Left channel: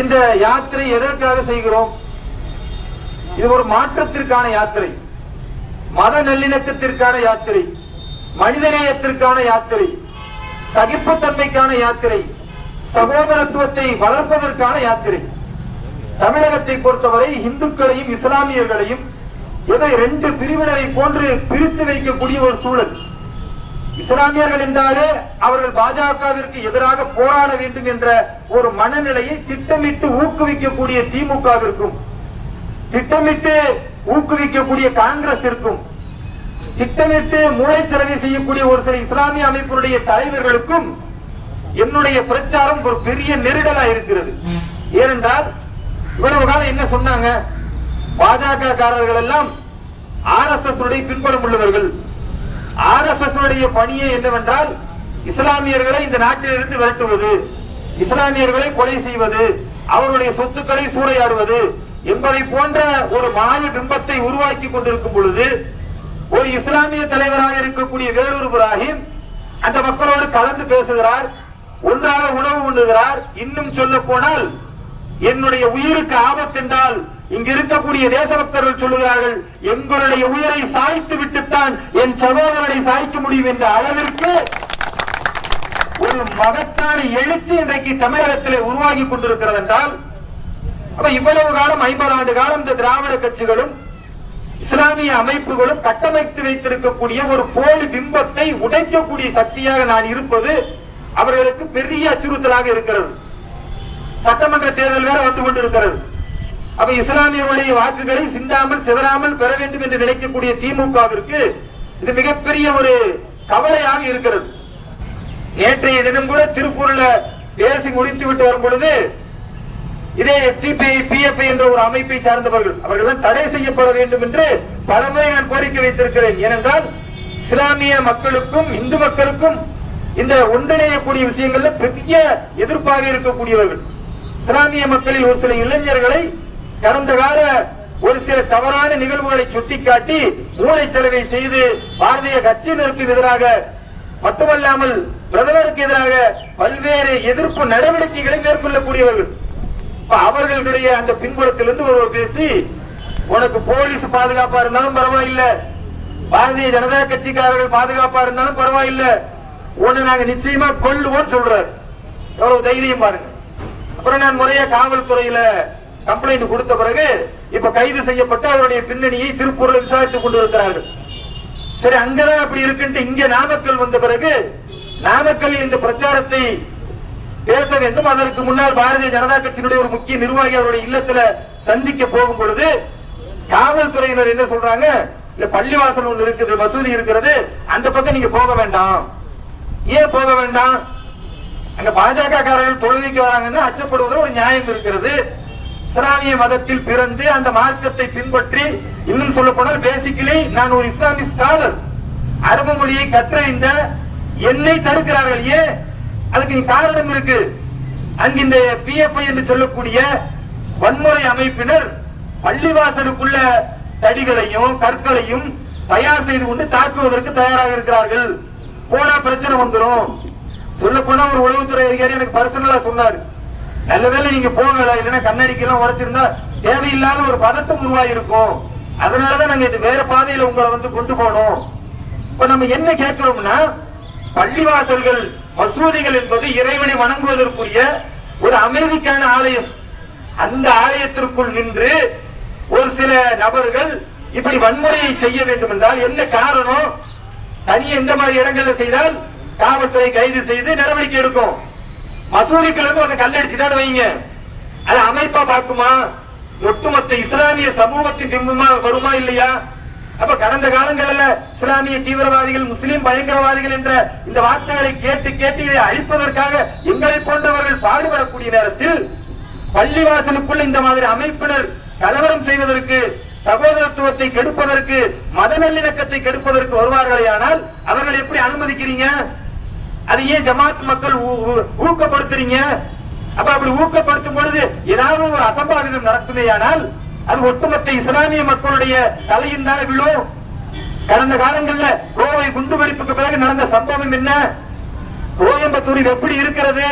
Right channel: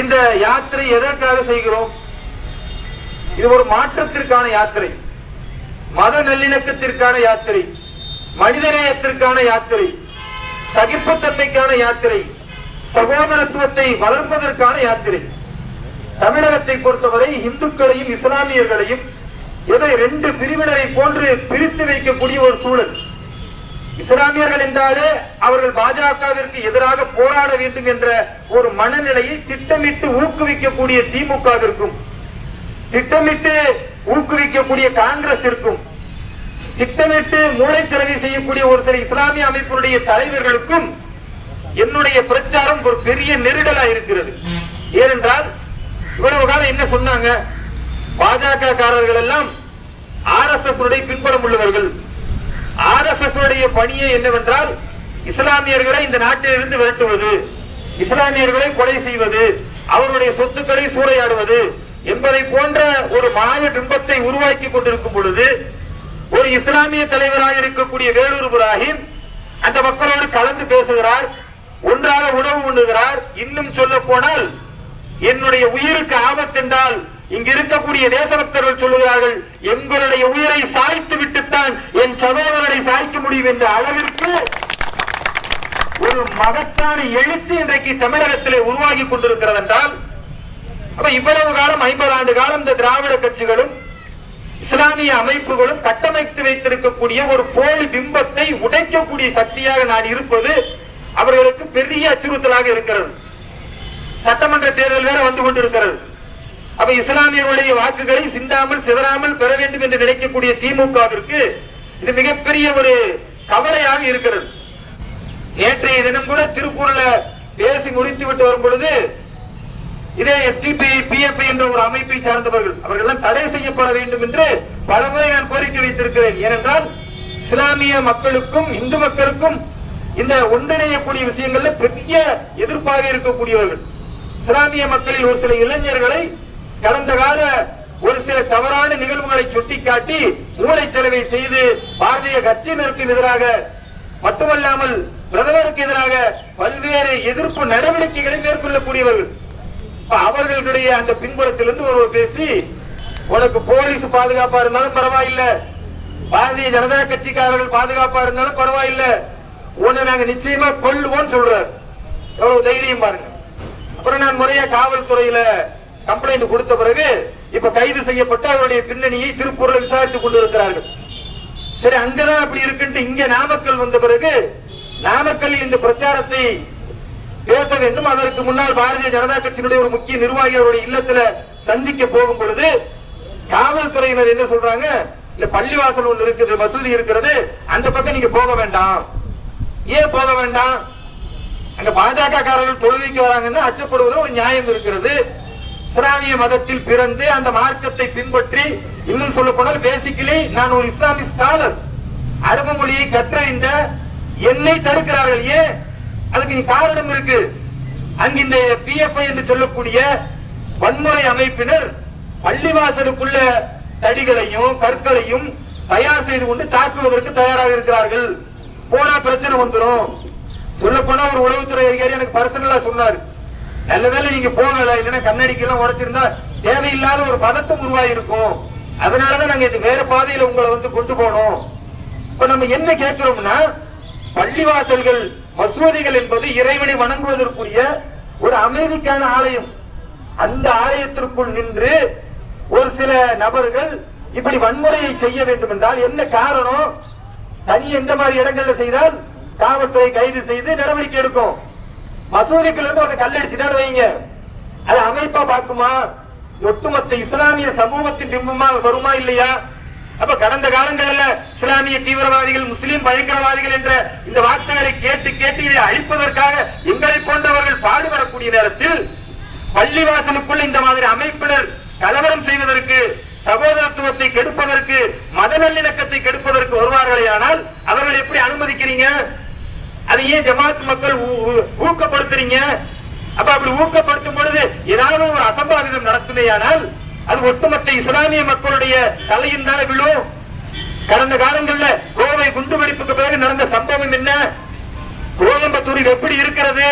இந்த யாத்திரை எதற்காக செய்கிறோம்? இது ஒரு மாற்றத்திற்கான யாத்திரை. மத நல்லிணக்கத்திற்கான யாத்திரை. மனிதநேயத்திற்கான யாத்திரை. சகிப்புத்தன்மைக்கான யாத்திரை. சகோதரத்துவத்தை வளர்ப்பதற்கான யாத்திரை. தமிழகத்தை பொறுத்தவரை இந்துக்களையும் இஸ்லாமியர்களையும் ஏதோ ரெண்டு பிரிவினரை போன்று பிரித்து வைக்கக்கூடிய ஒரு சூழல். இஸ்லாமியர்கள் என்றாலே அவர்கள் பாஜகவிற்கு எதிராக போராட வேண்டும் என்ற ஒரு மனநிலையை திட்டமிட்டு ஊக்குவிக்கக்கூடிய திமுகவிற்கும் திட்டமிட்டு ஊக்குவிக்கக்கூடிய காங்கிரஸ் இருக்கும் திட்டமிட்டு மூளைச்சலவை செய்யக்கூடிய ஒரு சில இஸ்லாமிய அமைப்பினுடைய தலைவர்களுக்கும் என்னுடைய பிரச்சாரம் ஒரு பெரிய நெருடலா இருக்கிறது. ஏனென்றால் இவ்வளவு காலம் என்ன சொன்னாங்க? பாஜக காரர்கள் எல்லாம் ஆர் எஸ் எஸ் பின்புலம் உள்ளவர்கள். ஆர் எஸ் எஸ் பணியே என்னவென்றால் இஸ்லாமியர்களை இந்த நாட்டிலிருந்து விரட்டுவது இஸ்லாமியர்களை கொலை செய்வது அவருடைய சொத்துக்களை சூறையாடுவது என்பதை போன்ற ஒரு மாய பிம்பத்தை உருவாக்கி கொண்டிருக்கும் பொழுது ஒரு இஸ்லாமிய தலைவராக இருக்கக்கூடிய வேலூர் இப்ராஹிம் அந்த மக்களோடு கலந்து பேசுகிறார் ஒன்றாக உணவு உண்ணுகிறார். இன்னும் சொல்ல போனால் என்னுடைய உயிருக்கு ஆபத்து என்றால் இங்கு இருக்கக்கூடிய தேசபக்தர்கள் சொல்லுகிறார்கள் எங்களுடைய உயிரை சாய்த்து விட்டுத்தான் என் சகோதரனை சாய்க்க முடியும் என்ற அளவிற்கு ஒரு மகத்தான எழுச்சி இன்றைக்கு தமிழகத்திலே உருவாகி கொண்டிருக்கிறது என்றால் இவ்வளவு காலம் ஐம்பது ஆண்டு காலம் இந்த திராவிட கட்சிகளும் இஸ்லாமிய அமைப்புகளும் கட்டமைத்து வைத்திருக்கக்கூடிய ஒரு போலி பிம்பத்தை உடைக்கக்கூடிய சக்தியாக நான் இருப்பது அவர்களுக்கு பெரிய அச்சுறுத்தலாக இருக்கிறது. சட்டமன்ற தேர்தல் வேற வந்து கொண்டிருக்கிறது. அப்ப இஸ்லாமியர்களுடைய வாக்குகளை சிந்தாமல் சிதறாமல் பெற வேண்டும் என்று நினைக்கக்கூடிய திமுகவிற்கு இது மிகப்பெரிய ஒரு கவலையாக இருக்கிறது. நேற்றைய தினம் கூட திருக்குறள பேசி முடித்து விட்டு வரும் பொழுது இதே எஸ்டிபிஐ பிஎஃப்ஐ என்ற ஒரு அமைப்பை சார்ந்தவர்கள் அவர்கள் தடை செய்யப்பட வேண்டும் என்று பலமுறை நான் கோரிக்கை வைத்திருக்கிறேன். ஏனென்றால் இஸ்லாமிய மக்களுக்கும் இந்து மக்களுக்கும் இந்த ஒன்றிணையக்கூடிய விஷயங்கள்ல பெரிய எதிர்ப்பாக இருக்கக்கூடியவர்கள். இஸ்லாமிய மக்களில் ஒரு சில இளைஞர்களை கடந்த கால ஒரு சில தவறான நிகழ்வுகளை சுட்டிக்காட்டி மூளைச்சலவை செலவை செய்து பாரதிய கட்சியினருக்கு எதிராக மட்டுமல்லாமல் பிரதமருக்கு எதிராக பல்வேறு எதிர்ப்பு நடவடிக்கைகளை மேற்கொள்ளக்கூடியவர்கள். அவர்களுடைய அந்த பின்புறத்திலிருந்து ஒருவர் பேசி உனக்கு போலீஸ் பாதுகாப்பா இருந்தாலும் பரவாயில்ல. பாரதிய ஜனதா கட்சிக்காரர்கள் பாதுகாப்பா இருந்தாலும் பரவாயில்ல. உன்னை நாங்க நிச்சயமா கொள்ளுவோம் சொல்றாரு. எவ்வளவு தைரியம் பாருங்க. அப்புறம் நான் முறையா காவல்துறையில கம்ப்ளைண்ட் கொடுத்த பிறகு இப்ப கைது செய்யப்பட்டு அவருடைய பின்னணியை திருப்பூர்ல விசாரித்துக் கொண்டிருக்கிறார்கள். சரி அங்கதான் அப்படி இருக்குன்ட்டு இங்க நாமக்கல் வந்த பிறகு நாமக்கல் இந்த பிரச்சாரத்தை பேச வேண்டும். அதற்கு முன்னால் பாரதிய ஜனதா கட்சியினுடைய ஒரு முக்கிய நிர்வாகி அவருடைய இல்லத்துல சந்திக்க போகும் பொழுது காவல்துறையினர் என்ன சொல்றாங்க? இந்த பள்ளிவாசல் ஒன்று இருக்குது மசூதி இருக்கிறது அந்த பக்கம் நீங்க போக வேண்டாம். ஏன் போக வேண்டாம்? அங்க பாஜக காரர்கள் தொழுகைக்கு வராங்கன்னு அச்சப்படுவதில் ஒரு நியாயம் இருக்கிறது. இஸ்லாமிய மதத்தில் பிறந்து அந்த மார்க்கத்தை பின்பற்றி இன்னும் சொல்ல போனால் பேசிக்கலி நான் ஒரு இஸ்லாமிய ஸ்காலர் அரபு மொழியை கற்றறிந்த என்னை தடுக்கிறார்கள். ஏன்? அதுக்கு காரணம் இருக்கு. அங்கு இந்த பிஎஃப்ஐ என்று சொல்லக்கூடிய வன்முறை அமைப்பினர் பள்ளிவாசலுக்குள்ள தடிகளையும் கற்களையும் தயார் செய்து கொண்டு தாக்குவதற்கு தயாராக இருக்கிறார்கள். போனா பிரச்சனை வந்துடும் சொல்ல போனா ஒரு உளவுத்துறை அதிகாரி எனக்கு பர்சனலா சொன்னாரு. நல்ல வேளை நீங்க போகல இல்லைன்னா கண்ணடிக்கு எல்லாம் உடைச்சிருந்தா தேவையில்லாத ஒரு பதத்தம் உருவாயிருக்கும் அதனாலதான் நாங்க இது வேற பாதையில உங்களை வந்து கொண்டு போனோம். இப்ப நம்ம என்ன கேட்கிறோம்னா பள்ளிவாசல்கள் மசூதிகள் என்பது இறைவனை வணங்குவதற்குரிய ஒரு அமைதிக்கான ஆலயம். அந்த ஆலயத்திற்குள் நின்று ஒரு சில நபர்கள் இப்படி வன்முறையை செய்ய வேண்டும் என்றால் என்ன காரணம்? தனி எந்த மாதிரி இடங்கள்ல செய்தால் காவல்துறை கைது செய்து நடவடிக்கை எடுக்கும். மசூதிக்குள்ள இருந்து ஒரு கல்லடிச்சுட்டான்னு வைங்க. அது அமைப்பா பார்க்குமா? ஒட்டுமொத்த இஸ்லாமிய சமூகத்தின் பிம்பமா வருமா இல்லையா? அப்ப கடந்த காலங்களில் இஸ்லாமிய தீவிரவாதிகள் முஸ்லிம் பயங்கரவாதிகள் என்ற இந்த வார்த்தைகளை கேட்டு கேட்டு இதை அழிப்பதற்காக எங்களை போன்றவர்கள் பாடுபடக்கூடிய நேரத்தில் பள்ளிவாசலுக்குள் இந்த மாதிரி அமைப்பினர் கலவரம் செய்வதற்கு சகோதரத்துவத்தை கெடுப்பதற்கு மத நல்லிணக்கத்தை கெடுப்பதற்கு வருவார்களே ஆனால் அவர்கள் எப்படி அனுமதிக்கிறீங்க? அதை ஏன் ஜமாத் மக்கள் ஊ- ஊக்கப்படுத்துறீங்க? அப்ப அப்படி ஊக்கப்படுத்தும் பொழுது ஏதாவது ஒரு அசம்பாவிதம் நடத்துமையானால் அது ஒட்டுமொத்த இஸ்லாமிய மக்களுடைய தலையும் தானே விழும் கடந்த காலங்கள்ல கோவை குண்டுவெடிப்புக்கு பிறகு நடந்த சம்பவம் என்ன? கோயம்புத்தூரில் எப்படி இருக்கிறது?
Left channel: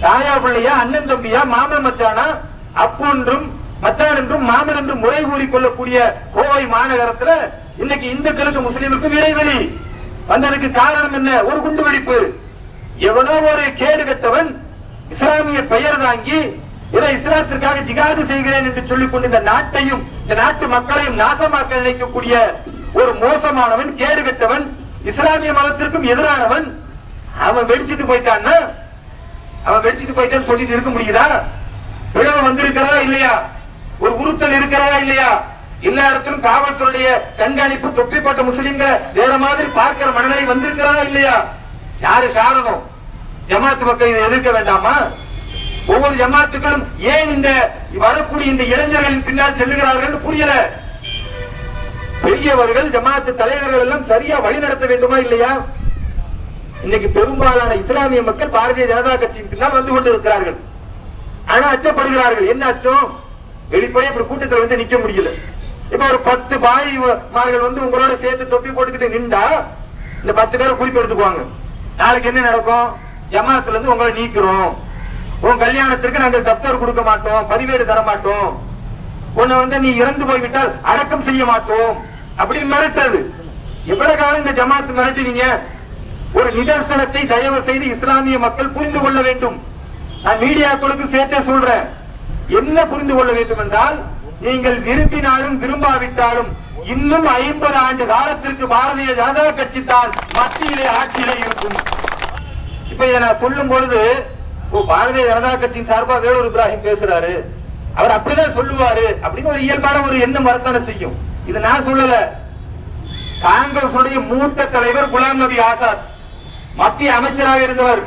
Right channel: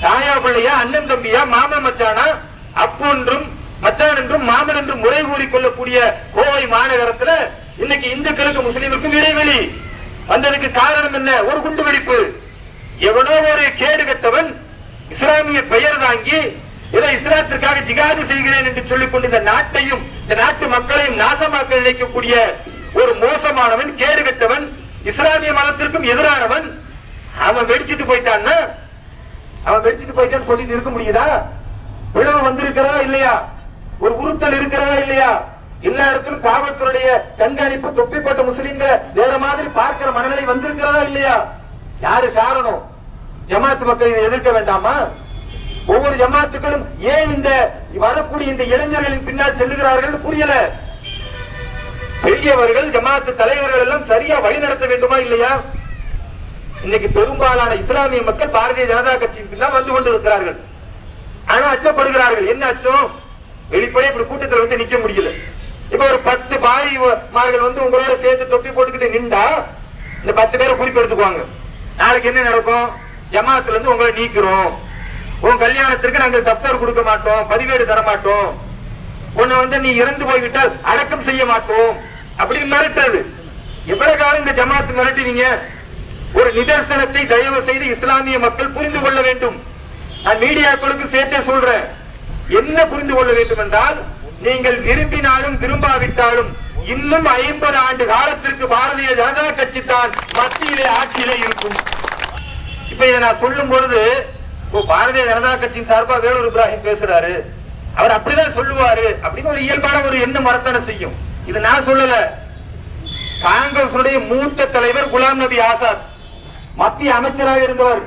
தாயா பிள்ளையா அண்ணன் தம்பியா மாமன் மச்சானா? அப்பு என்றும் மச்சான் என்றும் மாமன் என்றும் முறை கூறிக் கொள்ளக்கூடிய கோவை மாநகரத்துல இன்னைக்கு இந்துக்களுக்கு முஸ்லீமுக்கும் இடைவெளி. வந்ததுக்கு காரணம் என்ன? ஒரு குண்டு வெடிப்பு எவனோ ஒரு கேடு கட்டவன் இஸ்லாமிய பெயர் தாங்கி ஏதோ இஸ்லாத்திற்காக ஜிகாது செய்கிறேன் என்று சொல்லிக் கொண்டு இந்த நாட்டையும் இந்த நாட்டு மக்களையும் நாசமாக்க நினைக்கக்கூடிய ஒரு மோசமானவன் கேடு கட்டவன் இஸ்லாமிய மதத்திற்கும் எதிரானவன் அவன் வெடிச்சிட்டு போயிட்டான்னா அவன் வெடிச்சிட்டு போயிட்டான்னு சொல்லிட்டு இருக்க முடியுதா? விளைவு வந்திருக்கிறதா இல்லையா? ஒரு குருத்தல் இருக்கிறதா இல்லையா? எல்லா இடத்திலும் காவல்துறையுடைய கண்காணிப்பு தொப்பிப்பட்ட முஸ்லிம்களை வேற மாதிரி பார்க்கிற மனநிலை வந்திருக்கிறதா இல்லையா? யாரு காரணம்? ஜமாத்து மக்கள் இதை எதிர்க்க வேண்டாமா? ஒவ்வொரு ஜமாத்துக்களும் ஏன் இந்த வரக்கூடிய இந்த இளைஞர்களின் பின்னால் செல்லுகிறார்கள் புரியல. பெரியவர்கள் ஜமாத்து தலைவர்கள் எல்லாம் சரியா வழி நடத்த வேண்டுமா இல்லையா? இன்னைக்கு பெரும்பாலான இஸ்லாமிய மக்கள் பாரதிய ஜனதா கட்சியின் பின்னால் வந்து கொண்டிருக்கிறார்கள். ஆனா அச்சப்படுகிறார்கள். என்ன அச்சம் வெளிப்படையே இப்படி கூட்டத்தில் வந்து நிக்க முடியல. இப்ப ஒரு பத்து பாய் மார்கள் வந்து உங்களோட சேர்த்து தொப்பி போட்டுக்கிட்டு நின்றா இந்த பத்து பேரை குறிப்பு எடுத்துக்குவாங்க நாளைக்கு என்ன நடக்கும்? ஜமாத்துல இருந்து உங்களை நீக்கிறோம். உன் கல்யாணத்திற்கு நாங்கள் தப்தர் கொடுக்க மாட்டோம் பதிவேடு தர மாட்டோம். உன்னை வந்து நீ இறந்து போய்விட்டால் அடக்கம் செய்ய மாட்டோம். அப்படின்னு மிரட்டது. எவ்வளவு காலம் இந்த ஜமாத்து மிரட்டுவீங்க? ஒரு நிதர்சனத்தை தயவு செய்து இஸ்லாமிய மக்கள் புரிந்து கொள்ள வேண்டும். நான் மீடியாக்களுக்கு சேர்த்தே சொல்றேன். என்ன புரிந்து கொள்ள வேண்டும் என்றால் நீங்கள் விரும்பினாலும் விரும்பாவிட்டாலும் இன்னும் ஐம்பது ஆண்டு காலத்திற்கு பாரதிய ஜனதா கட்சி தான் மத்தியிலே ஆட்சியிலே இருக்கும். இப்ப இதை நான் சொல்லும் பொழுது ஓ, பாரதிய ஜனதா கட்சியின் சார்பாக வேலூர் இப்ராஹிம் பேசுறாரு. அவர் அப்படிதான் சொல்லுவாரு. அப்படின்னு ஒரு இயல்பான ஒரு எண்ணம் வரத்தானே செய்யும். இது நான் சொல்லல. காங்கிரசுடைய மூத்த தலைவர் குலாம் நபி ஆசாத் மத்திய அமைச்சராக இருந்தவர்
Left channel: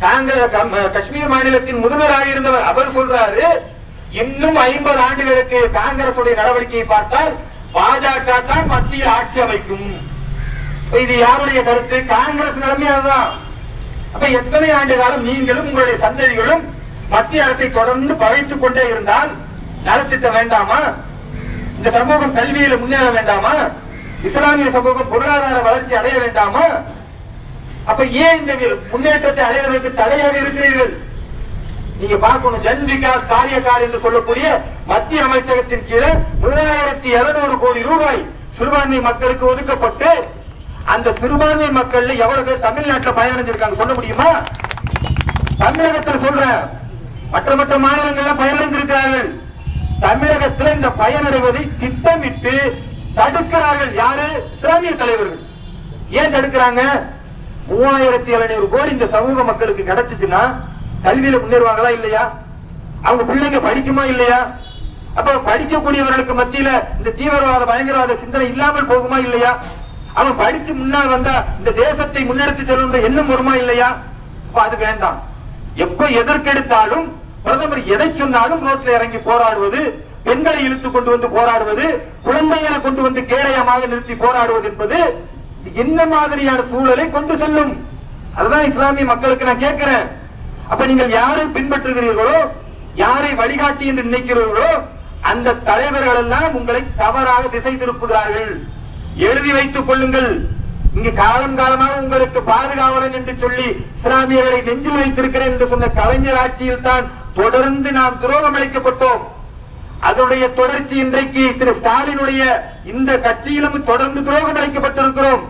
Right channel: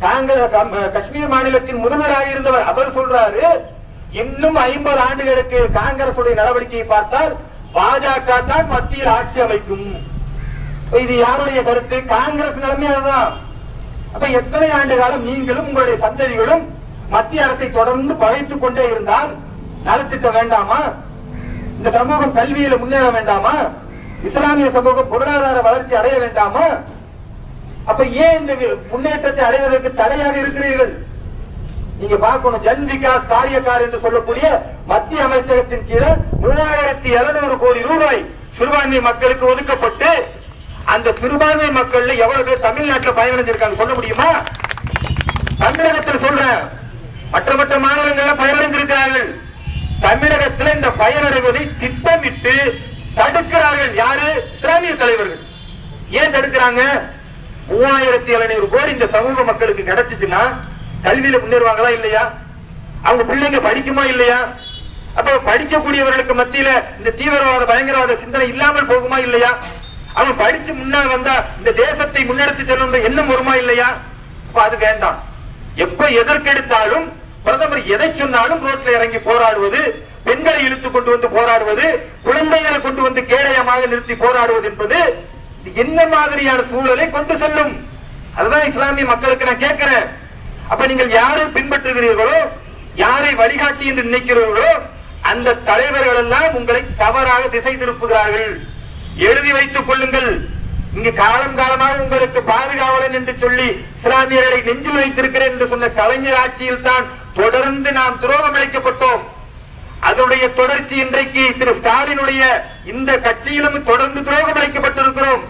காங்கிரஸ் காஷ்மீர் மாநிலத்தின் முதல்வராக இருந்தவர் அவர் சொல்றாரு இன்னும் ஐம்பது ஆண்டுகளுக்கு காங்கிரஸ் நடவடிக்கையை பார்த்தால் பாஜக தான் மத்தியில் ஆட்சி அமைக்கும். இது யாருடைய கருத்து? காங்கிரஸ் நிலைமை அதுதான் அப்ப எத்தனை ஆண்டு காலம் நீங்களும் உங்களுடைய சந்ததிகளும் மத்திய அரசை தொடர்ந்து பகைத்துக் கொண்டே இருந்தால் நலத்திட்டம் வேண்டாமா? இந்த சமூகம் கல்வியில முன்னேற வேண்டாமா? இஸ்லாமிய சமூகம் பொருளாதார வளர்ச்சி அடைய வேண்டாமா? அப்ப ஏன் இந்த முன்னேற்றத்தை அடைவதற்கு தடையாக இருக்கிறீர்கள்? நீங்க பார்க்கணும் ஜன் விகாஸ் காரியக்கார் என்று சொல்லக்கூடிய மத்திய அமைச்சகத்தின் கீழே மூவாயிரத்தி இருநூறு கோடி ரூபாய் சிறுபான்மை மக்களுக்கு ஒதுக்கப்பட்டு அந்த சிறுபான்மை மக்கள் எவ்வளவு பேர் தமிழ்நாட்டில் பயனடைஞ்சிருக்காங்க சொல்ல முடியுமா? தமிழகத்தில் சொல்றேன். மற்ற மற்ற மாநிலங்கள்ல பயனடைந்திருக்கிறார்கள் தமிழகத்தில் இந்த பயனடைவதை திட்டமிட்டு தடுக்கிறார்கள் யாரு? இஸ்லாமிய தலைவர்கள். ஏன் தடுக்கிறாங்க? மூவாயிரத்தி எழுநூறு கோடி இந்த சமூக மக்களுக்கு கிடைச்சிச்சுன்னா கல்வியில முன்னேறுவாங்களா இல்லையா? அவங்க பிள்ளைங்க படிக்குமா இல்லையா? அப்ப படிக்கக்கூடியவர்களுக்கு மத்தியில இந்த தீவிரவாத பயங்கரவாத சிந்தனை இல்லாமல் போகுமா இல்லையா? அவன் படிச்சு முன்னால் வந்தா இந்த தேசத்தை முன்னெடுத்து செல்லும் எண்ணம் வருமா இல்லையா? அது வேண்டாம். எப்ப எதற்கெடுத்தாலும் பிரதமர் எதை சொன்னாலும் ரோட்ல இறங்கி போராடுவது பெண்களை இழுத்து கொண்டு வந்து போராடுவது குழந்தைகளை கொண்டு வந்து கேடயமாக நிறுத்தி போராடுவது என்பது என்ன மாதிரியான சூழலை கொண்டு செல்லும்? அதுதான் இஸ்லாமிய மக்களுக்கு நான் கேட்கிறேன். அப்ப நீங்கள் யாரை பின்பற்றுகிறீர்களோ யாரை வழிகாட்டி என்று நினைக்கிறீர்களோ அந்த தலைவர்கள் எல்லாம் உங்களை தவறாக திசை திருப்புகிறார்கள். எழுதி வைத்துக் கொள்ளுங்கள். இங்கு காலம் காலமாக உங்களுக்கு பாதுகாவலன் என்று சொல்லி இஸ்லாமியர்களை நெஞ்சில் வைத்திருக்கிறேன் என்று சொன்ன கலைஞர் ஆட்சியில் தான் தொடர்ந்து நாம் துரோகம் அளிக்கப்பட்டோம். அதனுடைய தொடர்ச்சி இன்றைக்கு திரு ஸ்டாலினுடைய இந்த கட்சியிலும் தொடர்ந்து துரோகம் அளிக்கப்பட்டிருக்கிறோம்.